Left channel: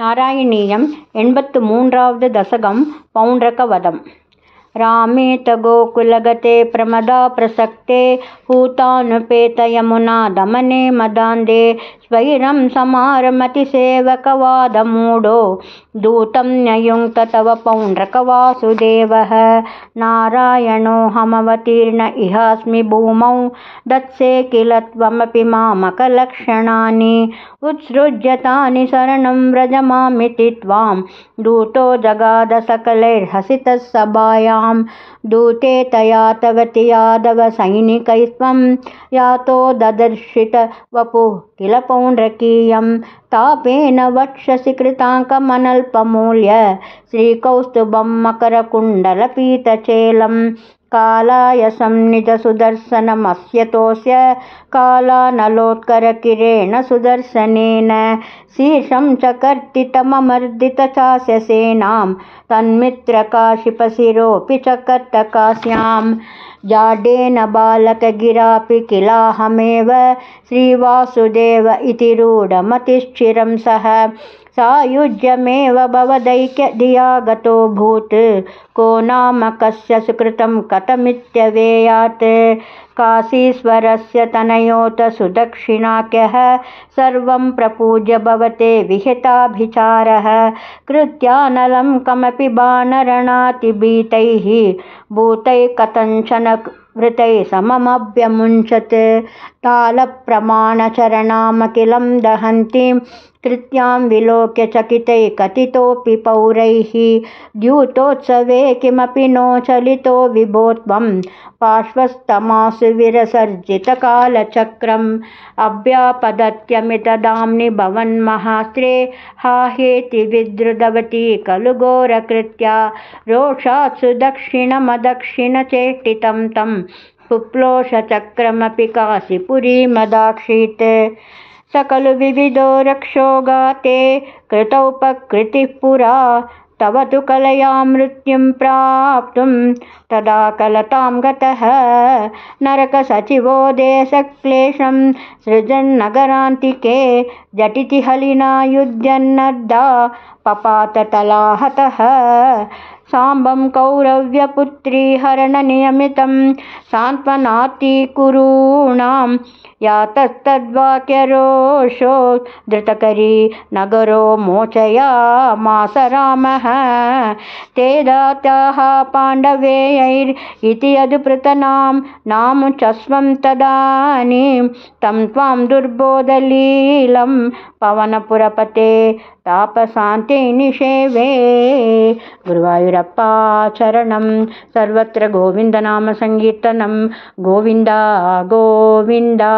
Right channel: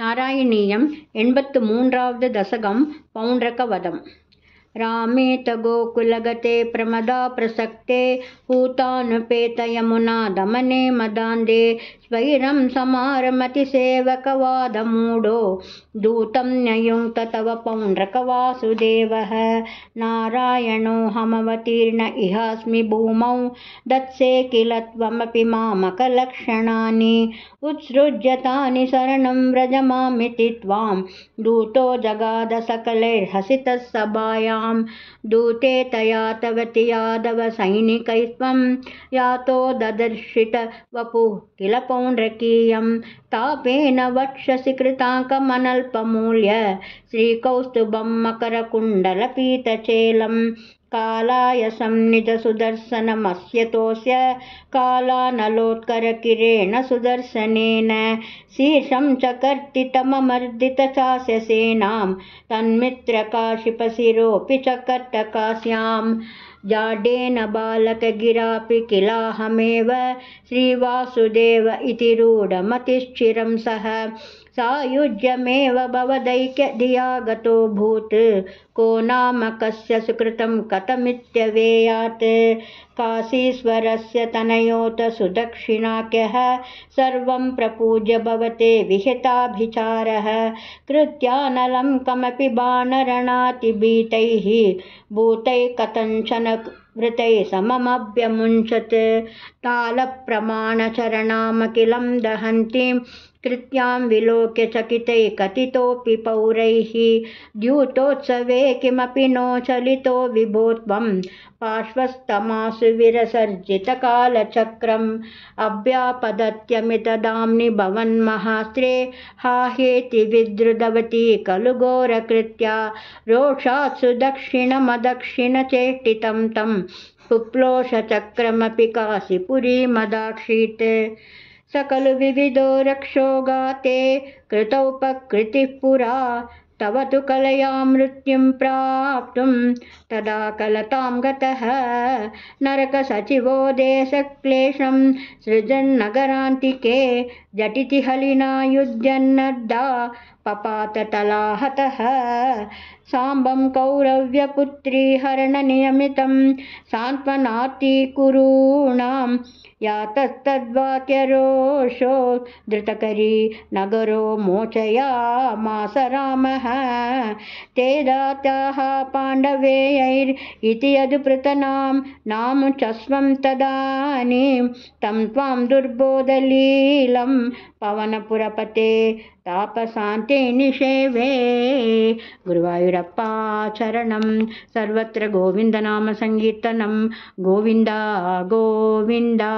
नारायणीयं 83வது दशकं पौण्ड्रकवधम्। रामेत गोकुलगते प्रमदा प्रसक्ते हूतानुपेतयमुना दमने मदान्धे स्वैरं समारमतिसेवकवादमूढो दूतं न्ययुङ्क्त तव पौण्ड्रकवासुदेवः। नारायणोऽहमवतीर्ण इहास्मि भूमौ दत्से किल त्वमपि मामकलक्षणानि उत्सृज्यतानि शरणं व्रजमामिति त्वां दूतो जगाद सकलैर्हसितः सभायां। दूते तया तवति यादव सैनिकैस्त्वं यातो ददर्शित वपुः किल पौण्ड्रकीयं तापेन वक्षसि कृताङ्कमनल्पमूल्य श्रीकौस्तुभं मकरकुण्डलपीतचेलं कालायसं निजसुदर्शनमस्यतोऽस्य कालानलोत्करकिरेण सुदर्शनेन शीर्षं च कर्तितममर्दित चास्यसेनां तन्मित्रकाशिपशिरोऽपि च कर्तकास्यां जाडेन बालकगिरापि किलाहमेव श्रीवासुदेव इति रूढमतिश्चिरं सः सायुज्यमेव भवदैक्यधिया गतोऽभूत् को नाम कस्य सुकृतं कथमित्यवेयात् काशीश्वरस्य तनयोत सुदक्षिणाख्यः सर्वं प्रपूज्य भवते विहिताभिचारः कृत्यानलं कमपि बाणरणातिभीतैः भूतैः कथञ्चन वृतैः सममभ्यमुञ्चत् तालप्रमाणचरणामखिलं दहन्तीं कृत्यां विलोक्य चकितैः कथितोऽपि पौरैः द्यूतोत्सवे किमपि नो चलितो विभो त्वं पार्श्वस्थमासु विरसर्जितकालचक्रम् अव्यापदत्यमितदाम्नि भवन्महास्त्रे हाहेति विद्रुतवती खलु घोरकृत्या रोषात्सु दक्षिणमदक्षिणचेष्टितं तं पुप्लोषचक्रमपि काशीपुरीमदाक्षीत् स खलु विविधो रक्षोगाते कृतोपकृतिः पुरा तव तु कलया मृत्युं प्राप्तुं तदा कलतां गतः नरकसचिवो देशक्लेशं सृजन्नगरान्तिके झटिति हलिना युध्यन्नद्दा पपाततलाहतः साम्बं कौरव्यपुत्री हरणनियमितं सान्त्वनाति कुरूणां यातस्तद्वाक्यरोषो धृतकरी नगरो मोचयामास रामः ते दाताः पाण्डवेयैरिति यदुपृतनां नामुचस्वं तदानीं तं त्वां दुर्बोधलीलं पवनपुरपते तापशान्ते निषेवे। गुरुवायूरप्पा चरणं सर्वत्र गोविन्दनाम संकीर्तनं गोविन्दा गोविन्दा।